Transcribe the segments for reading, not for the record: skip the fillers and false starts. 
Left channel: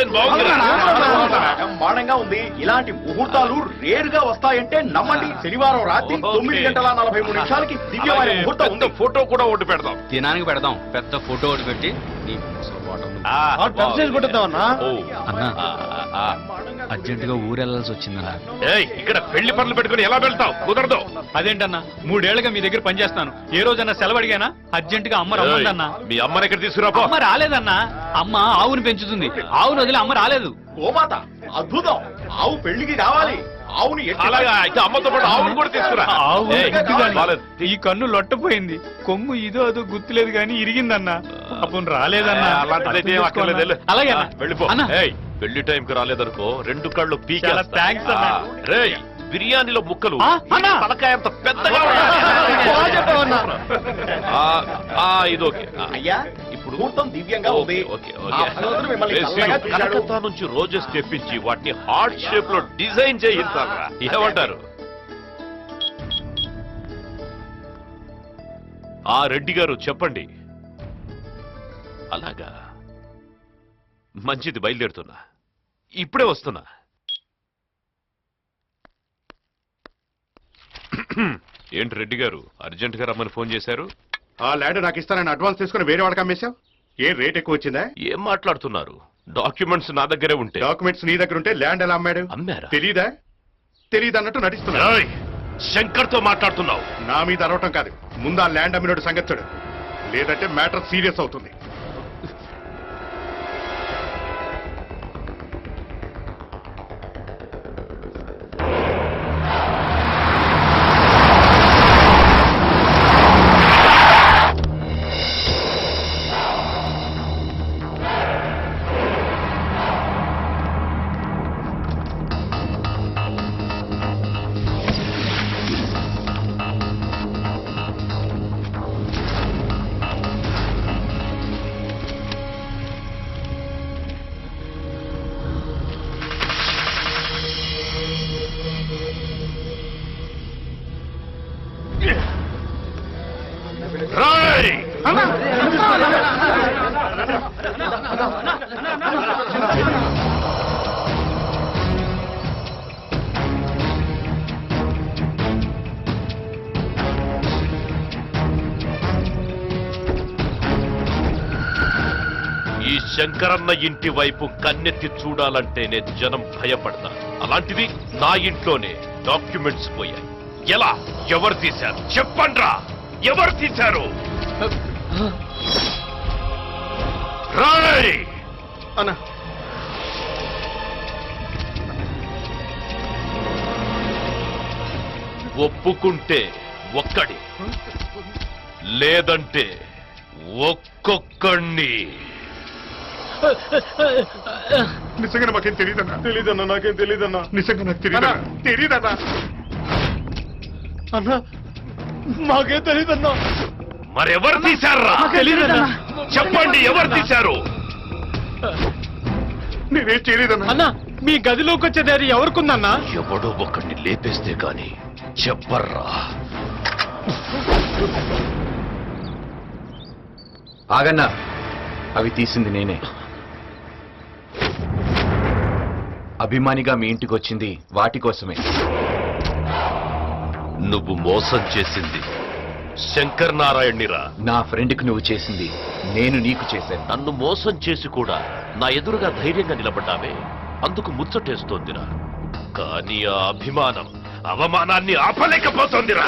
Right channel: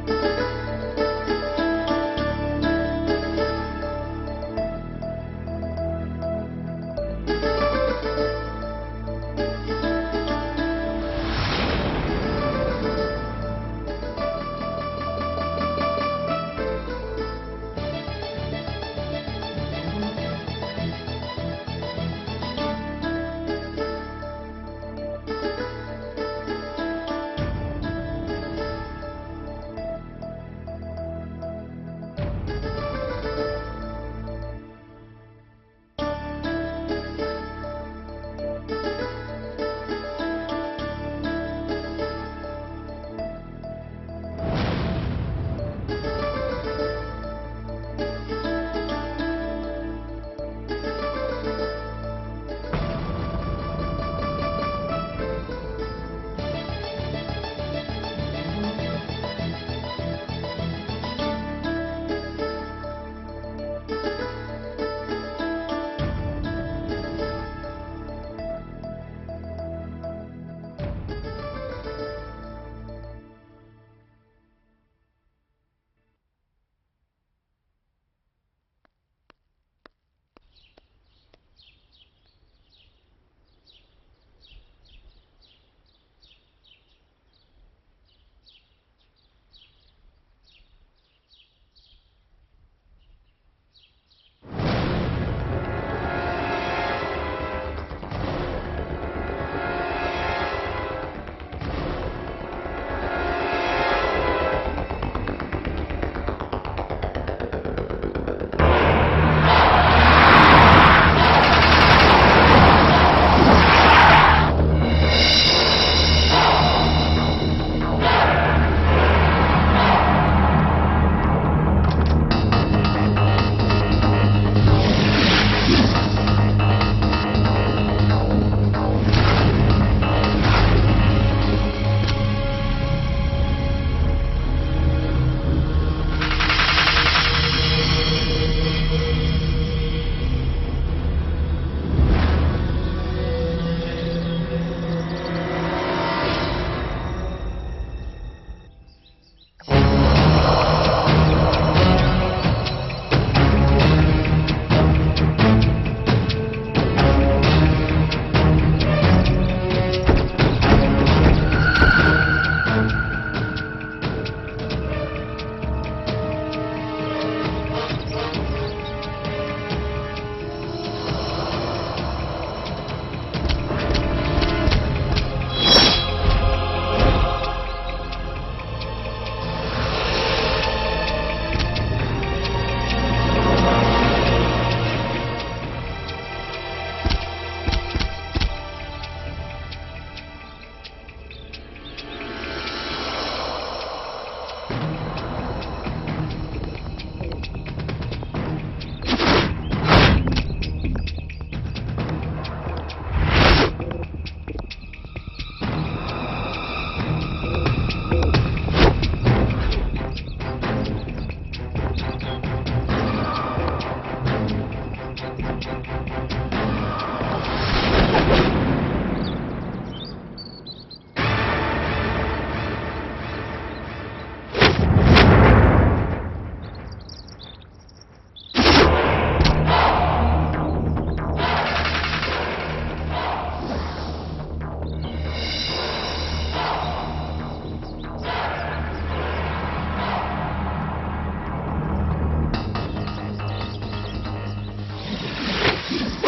Design బాగుంది. బ్రహ్మాండంగా ఉంది. ఇలాంటి ముహూర్తాలు రేరుగా వస్తాయంటే నమ్మండి. శనివారం రాత్రి 9:43 దివ్యమైన ముహూర్తం ఉంది. ఫోటో కూడా ఒకటి పెడదాం. దినానికి పెడదాం. పెద్ద ఫోటో ఒకటి పెట్టి అర్జెంటుగా ఊరెళ్ళాల్సి వచ్చిందన్నా. ఇక్కడ పెళ్లి పనులు పెట్టుకుని ఎలా వెళ్తావు? కుదరదు. అదేంటన్నా 3 ఏళ్లుగా మీ దగ్గర పనిచేస్తాను. ఏ రోజన్నా సెలవు అడిగానా? అర్జెంటుగా అమ్మ రమ్మందన్నా. మీ అమ్మని ఇక్కడ తీసుకురా. అమ్మ రాలేదన్నా. అమ్మ ఆవును పెంచుతుంది. ఆవును వదిలి అమ్మ రాలేదు. ఓ మాత అద్భుతం. ఆవు పెళ్లికి రావాలి. ఆవుని అలాగా అయితే అమ్మతో పాటు ఆవును కూడా తీసుకురా. ఈ కన్ను లొట్టపోయింది. కొమ్ము ఇదో అదో గుర్తులేదు కానీ ఇరిగిందన్నా. అప్పుడు రాలేదన్నా. అలాంటిదైతే అక్కర్లేదు. అలాగే వెళ్ళిపో. పెళ్లి టైంకి రాలేదనుకో 2 కళ్ళు పీకేస్తా. థ్యాంక్స్ అన్నా. రేయ్ బిర్యానీలో ముక్కలు తలకాయ అంత పెద్దగా ఇది ఓకే. అయ్యా ముహూర్తం దివ్యంగా ఉంది. కలకత్తా నుంచి రోజెస్ తెప్పించి వాటిని హార్ట్ షేప్ లో డిజైన్ చేయిస్తారా? ఏమంటారు? ఆ రెడ్డి గారు చెప్పండి. అలాగా మంచిది, బయలుదేరుతున్నా. ఇప్పుడే వస్తున్నా. ఏంటి రెడ్డి గారు అర్జెంట్ గా రమ్మని ఫోన్ చేశారు? ఆ ల్యాండ్ నాకు ఇస్తానని అడ్వాన్స్ తీసుకుని వేరే వాడికి అమ్మేశావు. ఏ రేట్ ఎక్కువ వచ్చిందా? ఏం మాట్లాడుతున్నారు? డాక్యుమెంట్స్ నా దగ్గరే ఉంటే. డాక్యుమెంట్స్ నీ దగ్గర ఉంటే ల్యాండ్ ఎలా అమ్మాడు? అమ్మారా? తెలీదా? తెలీదు అన్నట్టు నడుస్తున్నా. శంకర్ తో మాట్లాడుతున్నావు. నా మీద అరవటం కాదు. ముందు ఆ ల్యాండ్ అమ్మినోడు సంగతి చూడు. లేదంటే మ్యాటర్ సీరియస్ అవుతుంది. శంకరన్న ఇంటి వైపు కన్నెత్తి చూడాలంటేనే జనం భయపడతారు. అలాంటివి నా ఇంట్లోనే డాక్యుమెంట్స్ పోయి ఎలా? ఎవరు తీశారు? చెప్పండ్రా, ఎవరు తీశారు? రాయ్ అన్నా ఒప్పుకుంటే ఒక్కడి, లేదంటే ఒక్కొక్కడిని. నిజంగా నాకేం తెలీదన్నా. తెలీదన్నా, నాకేం తెలీదన్నా. నిజంగా నాకు తెలీదన్నా. తెలీదన్నా అన్నా, మాకేం తెలీదన్నా. మరెవరు తీశారా? చెప్పండి, ఎవరు తీశారు? నేనేం చేయలేదన్నా. అన్నా మీ గదిలోకి వచ్చేది అది ఎవరికుందన్నా? ఎవరో ఒకరిని లేపేస్తే కానీ చెప్పర్రా. ఆగన్నా, అవి తీసింది నేనే. అభిమానిగా మీ ఇంటికి వచ్చింది వాటి కోసమే. నువ్వు మోసం చేసింది శంకర్ నారాయణ్నిరా. నా ఫ్రెండ్కి నువ్వు చేసింది నేను నీకు చేశాను. నన్ను మోసం చేసి కూడా నా ఎదురుగా ధైర్యంగా నిలబడ్డావే, అందుకు ముచ్చటేస్తోందిరా. కానీ ఆ అభిమానం అవమానాన్ని ఆపలేకపోతోందిరా.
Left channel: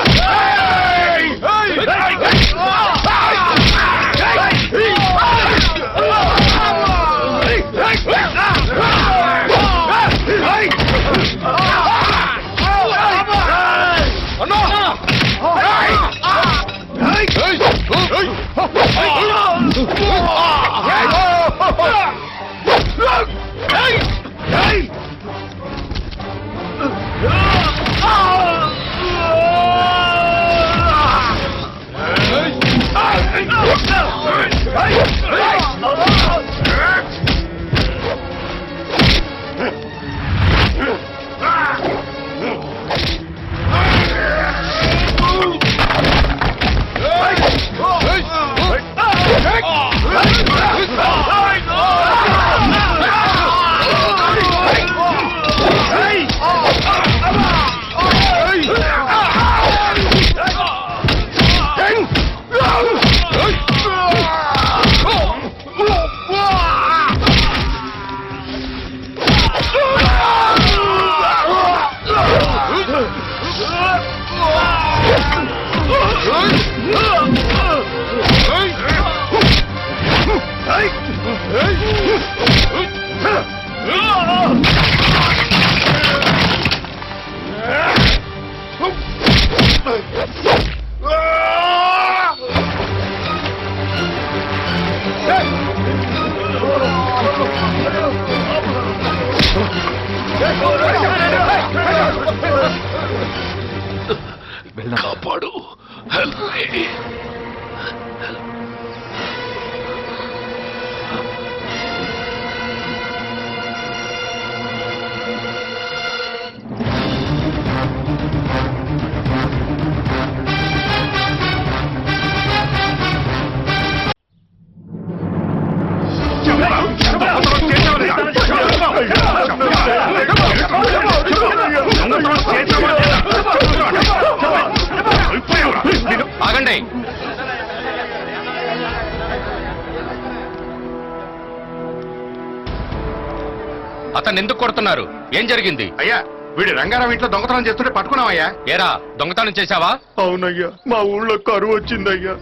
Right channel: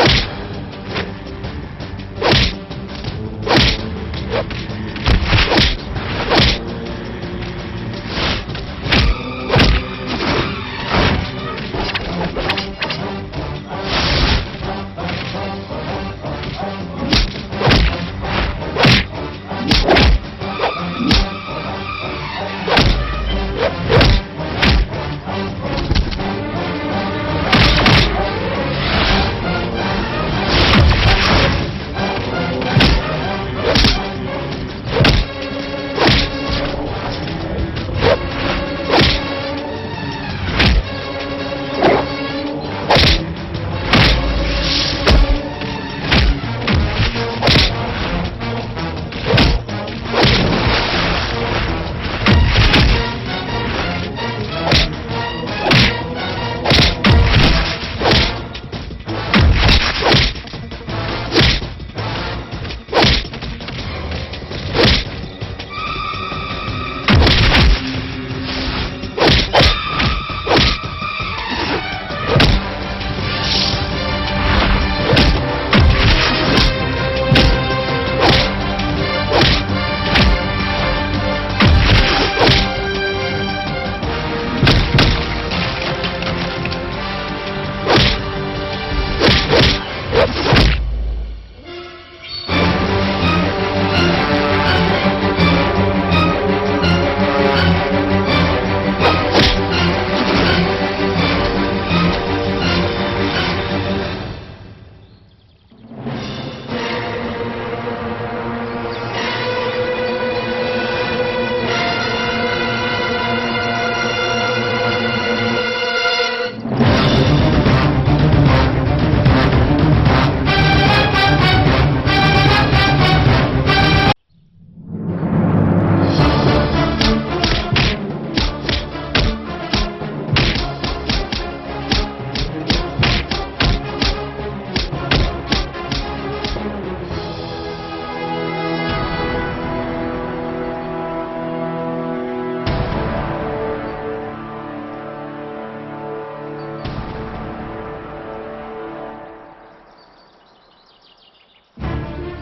ఏం జరిగింది? అయ్యా వీడి రంగారావు ఇంట్లో దొంగతనం చేస్తుంటే పట్టుకున్నామయ్యా. ఏరా దొంగతనం చేశావా? అవునయ్యా, మా ఊళ్ళో కరువు వచ్చిందయ్యా.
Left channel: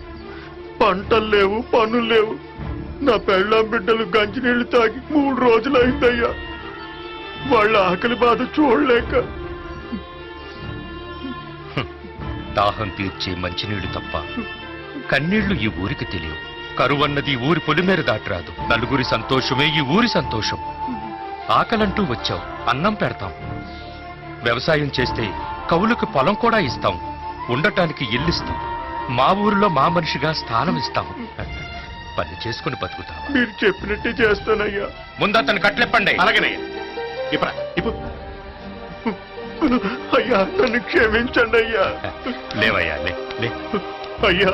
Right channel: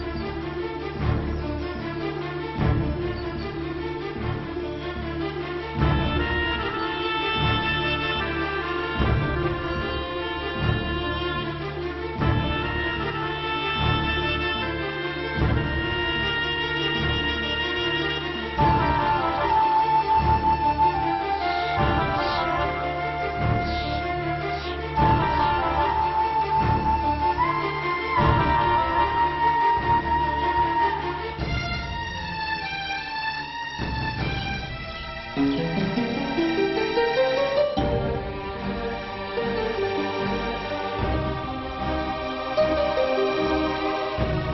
పంటలు లేవు, పనులు లేవు. నా పెళ్ళాం బిడ్డలు గంజినీళ్లు తాగి 3 రోజులు అయిందయ్యా. వాళ్ళ ఆకలి బాధ చూడలేక. దాహం తీర్చి మంచినీళ్లు తప్ప కన్నీళ్లు ఈ ఊరికి తెలియదు. కరువన్నది ఊరి పొలిమేర దాటరాదు. నలుగురి సంతోషమే ఈ ఊరి సంతోషం. ఆకలంటూ వచ్చాం, అన్నం పెడతాం. వ్యవసాయం చేస్తే కవులకు పొలం కూడా ఇస్తాం. ఉండటానికి ఇల్లిస్తాం. మా ఊరిలో మా మనిషిగా స్థానం ఇస్తాం. పని చేసుకుని బతుకుతాం. మీరు చెప్పినట్టే చేస్తానయ్యా. ముందు అతను కట్లెప్పండి. అలాగనే అయ్యా, నన్ను క్షమించండి అయ్యా. లేవయ్యా, లే, లే. అయ్యా,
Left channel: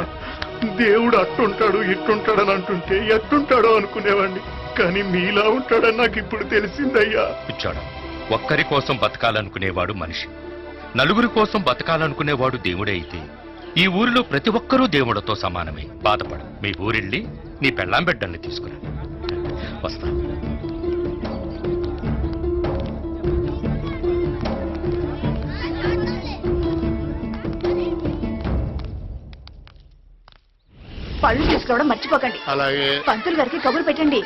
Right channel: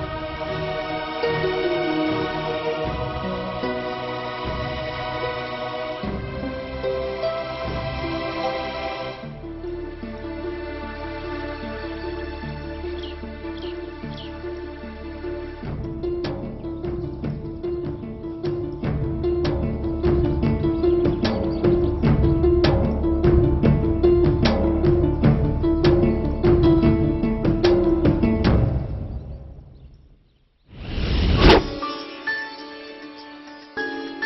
దేవుడు అట్టుంటాడు ఇట్టుంటాడని అంటుంటే ఎట్టుంటాడో అనుకునేవాడిని. కానీ మీలా ఉంటాడని నాకు ఇప్పుడు తెలిసిందయ్యా. ఇచ్చాడు. ఒక్కరి కోసం బతకాలనుకునేవాడు మనిషి, నలుగురి కోసం బతకాలనుకునేవాడు దేవుడే. అయితే ఈ ఊరిలో ప్రతి ఒక్కరూ దేవుడితో సమానమే. బాధపడు. మీ ఊరిళ్ళి నీ పెళ్ళాం బిడ్డల్ని తీసుకుని వస్తా. పళ్ళు తీసుకోవడం మర్చిపోకండి. అలాగే. పంతులు గారికి కబురు పెట్టండి.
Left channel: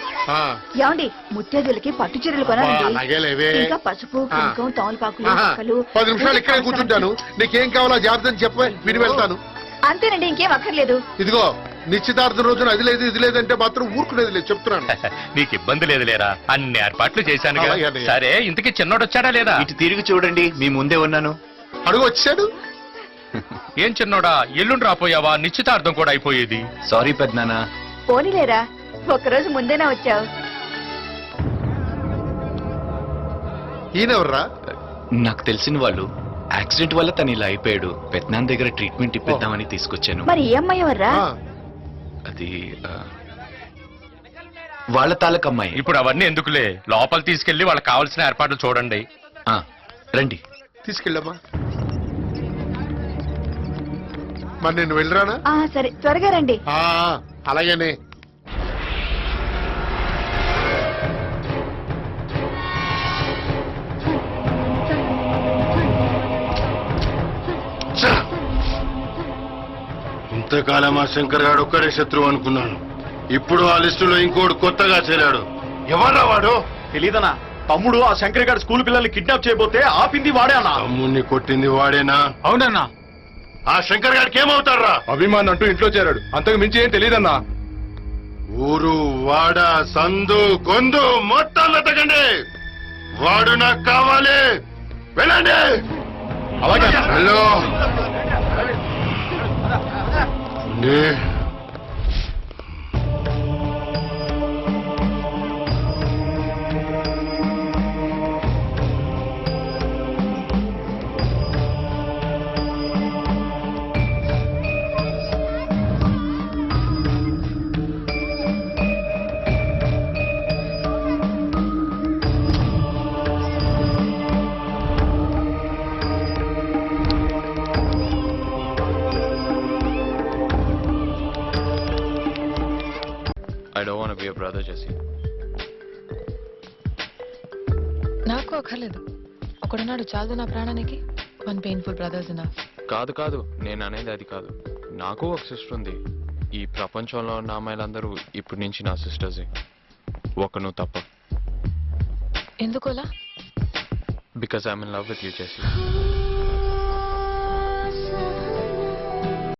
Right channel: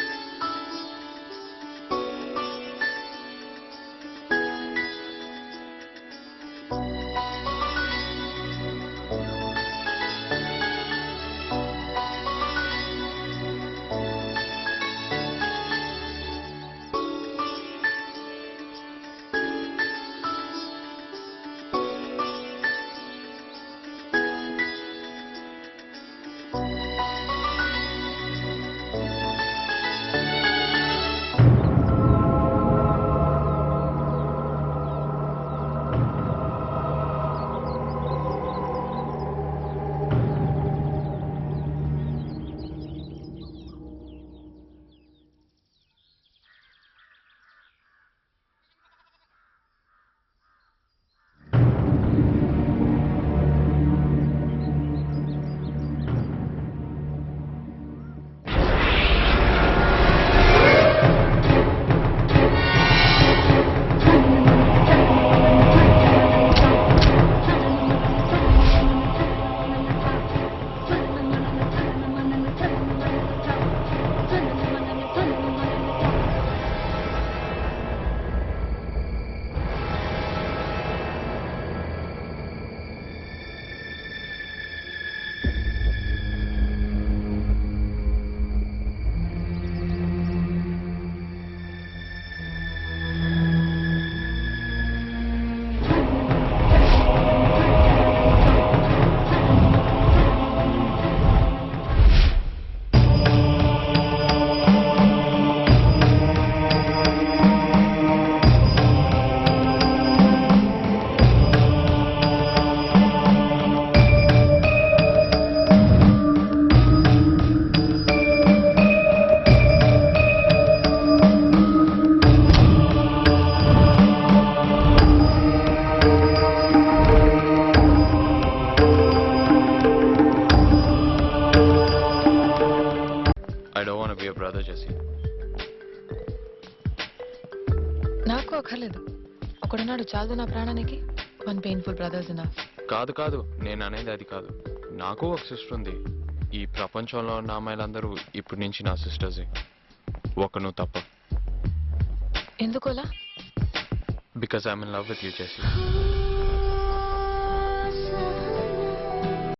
ఏమండి, ముత్తేదులకి పట్టు చీరలు కొనాలండి. ఇంకా పసుపు, కుంకుమ, తమలపాకులు, మొక్కలు. 10 నిమిషాలు ఇక్కడే కూర్చుంటాను. నీకేం కావాలో జాగ్రత్త చెప్పి విని వెళ్తాను. అంతేనండి, ఇంకేం అక్కర్లేదు. ఇదిగో, నిశ్చితార్థం రోజున అది లేదు ఇది లేదంటే మాత్రం ఊరుకునేది లేదు, చెప్తున్నాను. నీకు ఇబ్బంది లేదు లేరా? అన్ని ఏర్పాట్లు చేశాను. అలాగే, అలాగే. సరే, ఇంతకీ చిన్నోడు వచ్చాడా లేదా? ఇటు తిరిగి చూడండి, మీ ముందే ఉన్నాను. అడుగు వచ్చాడు. ఏం చిన్నోడా, ఎల్లుండి రాపోయావా? నిశ్చితార్థం కూడా అయిపోయేది. సారీ పెద్దనాన్న. పోనీలేరా, ఒక్కరోజు ముందేనా వచ్చావు? ఈయనెవర్రా? నాకు తెలిసిన వాళ్ళు. యాక్సిడెంట్ వల్ల తను ఇలా అయిపోయాడు. పెద్దనాన్న దగ్గర ట్రీట్మెంట్ ఇప్పిద్దామని తీసుకొచ్చాను. మరి ఏ అమ్మాయి ఎవర్రా? అది వాళ్ళ తాలూకమ్మాయి. ఇప్పుడు అవన్నీ ఎందుకులే, లోపల తీసుకెళ్లి వాళ్ళకి కావాల్సిన ఏర్పాట్లు చూడండి. రండి. తీసుకెళ్ళమ్మా. మరి నేను వెళ్ళరానా? సరే, త్వరగా రండి. అలాగేనే. ఇంతకాలం ఆ శంకర్ గారు ఒక్కరే శత్రువు అనుకున్నాను. ఇప్పుడు ఆ లిస్టులో ఇంకోటి కొత్తగా చేరాడు. ఎవరా వాడు? తెలీదనా? తమ్ముడు ఆ శంకర్ గారు స్కూల్ పిల్లల్ని కిడ్నాప్ చేయబోతే ఆపింది వాడే అన్నా. తమ్ముణ్ణి కొట్టింది వాడేనా? అవునన్నా. ఆ శంకర్ గారికి ఏమవుతారా? అభిమాన్ అంటూ ఇంట్లో చేరాడు, అంతకు మించి ఏం తెలియదన్నా. ఊరు వాడ సందు గొందు మొత్తం వెతకండి. వాడు నాకు కావాలి. వెళ్ళండి. Hello. I don't want to be a brother, Jesse. నాకు అక్కర్లేదు. ఒకడున్నాడు చాలు నా ప్రాణానికి. 1 painful brothers enough. కాదు నేను అనేది అది కాదు. నాకు ఒక సిస్టర్ ఉంది. ఈ ప్రపంచంలో ఉన్న అమ్మాయిలందరూ ఇప్పటి నుంచి నా సిస్టర్సే, ఒకను తప్ప. ఎందుకోలా? Because I'm in love with you, Jessie.